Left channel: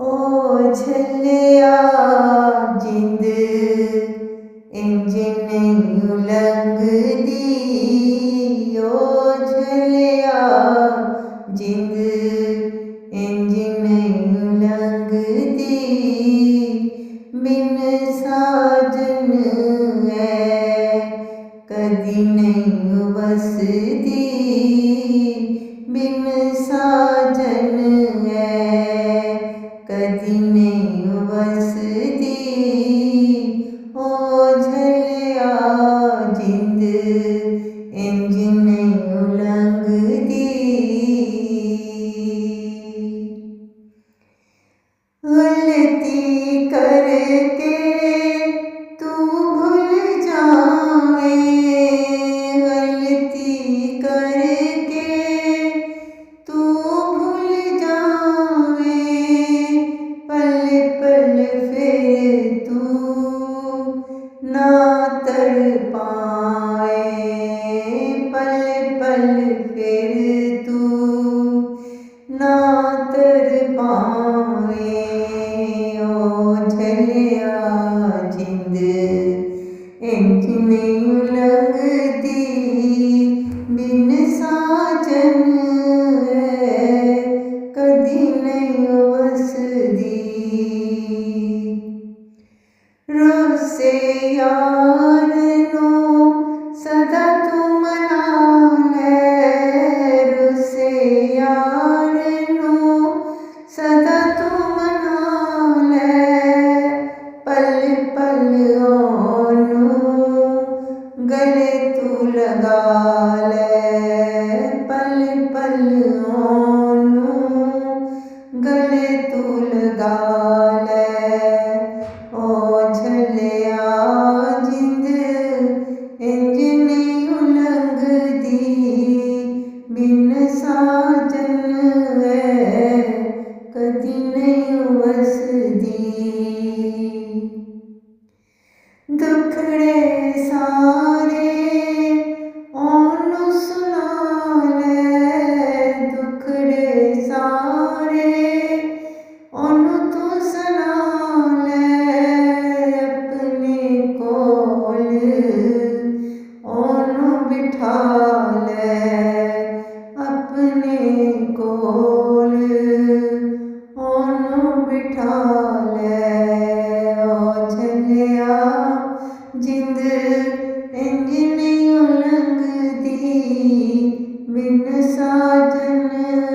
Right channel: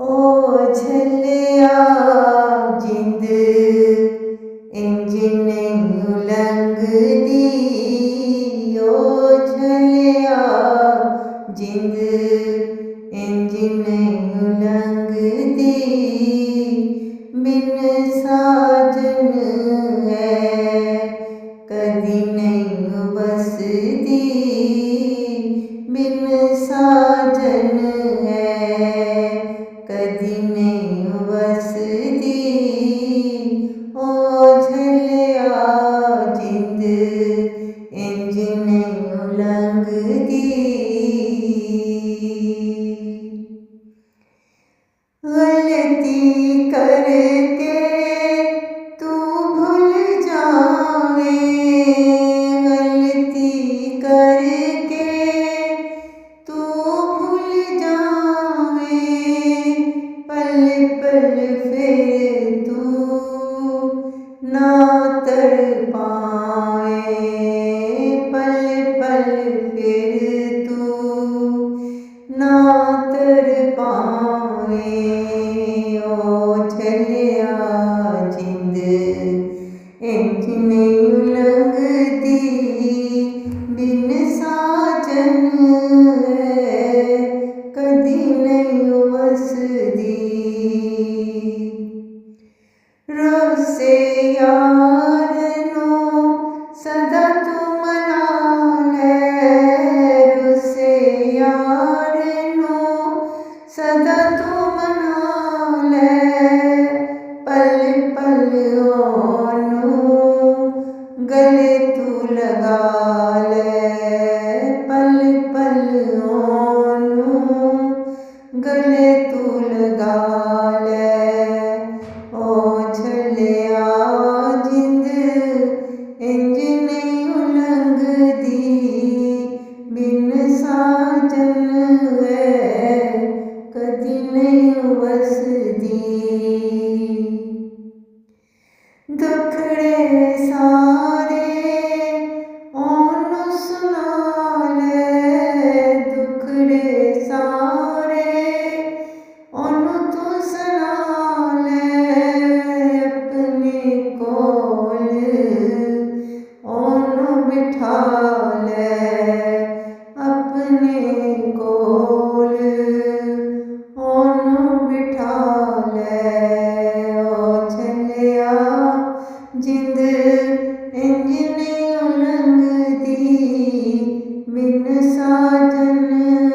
ओ झल्लिया जिंद इंज नहीं लंघदी। ओ झल्लिया जिंद इंज नहीं लंघदी। बिन साजन है कदी नहीं वसदी। बिन साजन है कदी नहीं वसदी। ओ झल्लिया जिंद इंज नहीं लंघदी। गलती करके तू भूल जावे। गलती करके तू भूल जावे। पल पल फिर तू ना तड़ पाए। पल पल फिर तू ना तड़ पावे। ओ झल्लिया जिंद इंज नहीं लंघदी। बिन साजन है कदी नहीं वसदी। रोसे यार नो सदा तू मना ले। रोसे यार नो सदा तू मना ले। पल पल ओनू गले तू लगा ले। पल पल ओनू गले तू लगा ले। ओ झल्लिया जिंद इंज नहीं लंघदी। बिन साजन है कदी नहीं वसदी। दुखड़े सारे ओनू सुना ले। दुखड़े सारे ओनू तू सुना ले। अपने कोल ओनू बिठा ले। अपने कोल ओनू बिठा ले। ओ झल्लिया जिंद इंज नहीं लंघदी। बिन साजन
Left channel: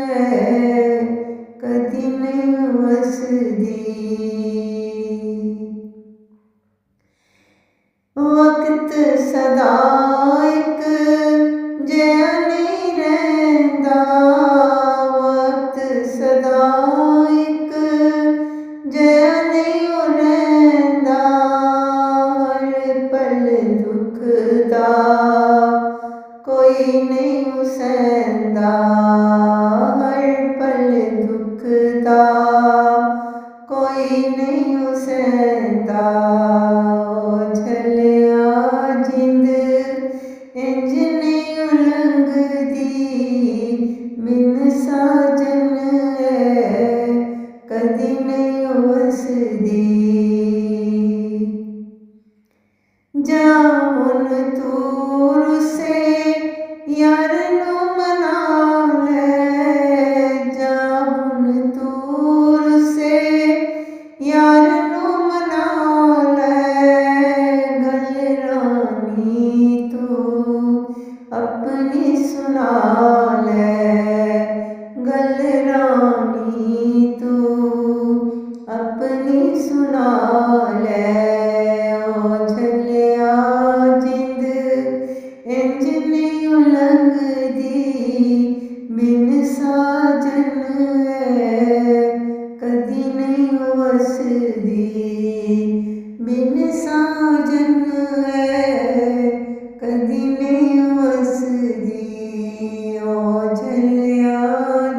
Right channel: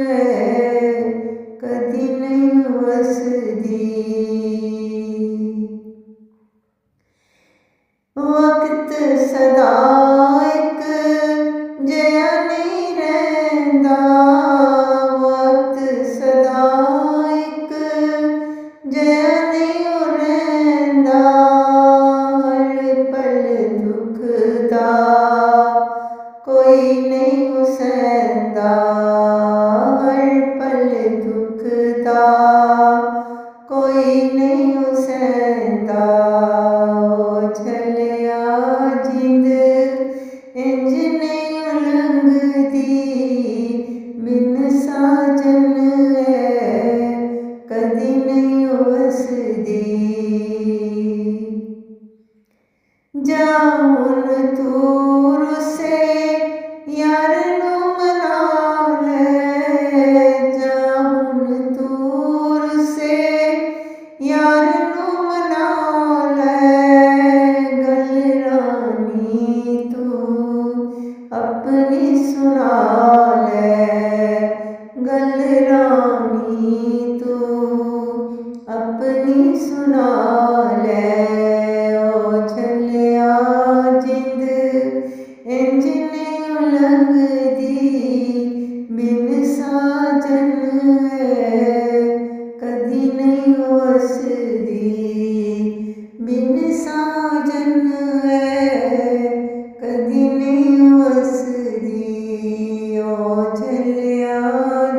है कदी नहीं वसदी। वक्त सदा एक जिहा नहीं रहिंदा। वक्त सदा एक जिहा नहीं रहिंदा। हर पल दुख दा कोई नहीं सहंदा। हर पल दुख दा कोई नहीं सहंदा। ओ झल्लिया जिंद इंज नहीं लंघदी। बिन साजन है कदी नहीं वसदी। जा हुन तू रुसे यार नू मना ले। जा हुन तू रुसे यार नू मना ले। गल रानी तू अपनी सुना ले। गल रानी तू अपनी सुना ले। ओ झल्लिया जिंद इंज नहीं लंघदी। बिन साजन है कदी नहीं वसदी। बिन साजन है कदी नहीं वसदी। ओ झल्लिया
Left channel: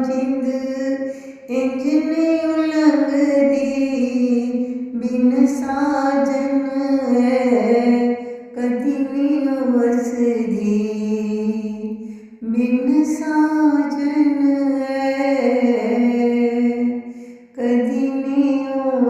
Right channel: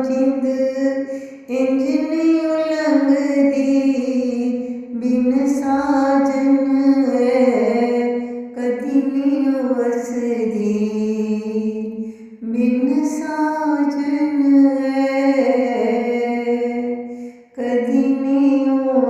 जिंद इंज नहीं लंघदी। बिन साजन है कदी नहीं वसदी। बिन साजन है कदी ਨੇ ਓ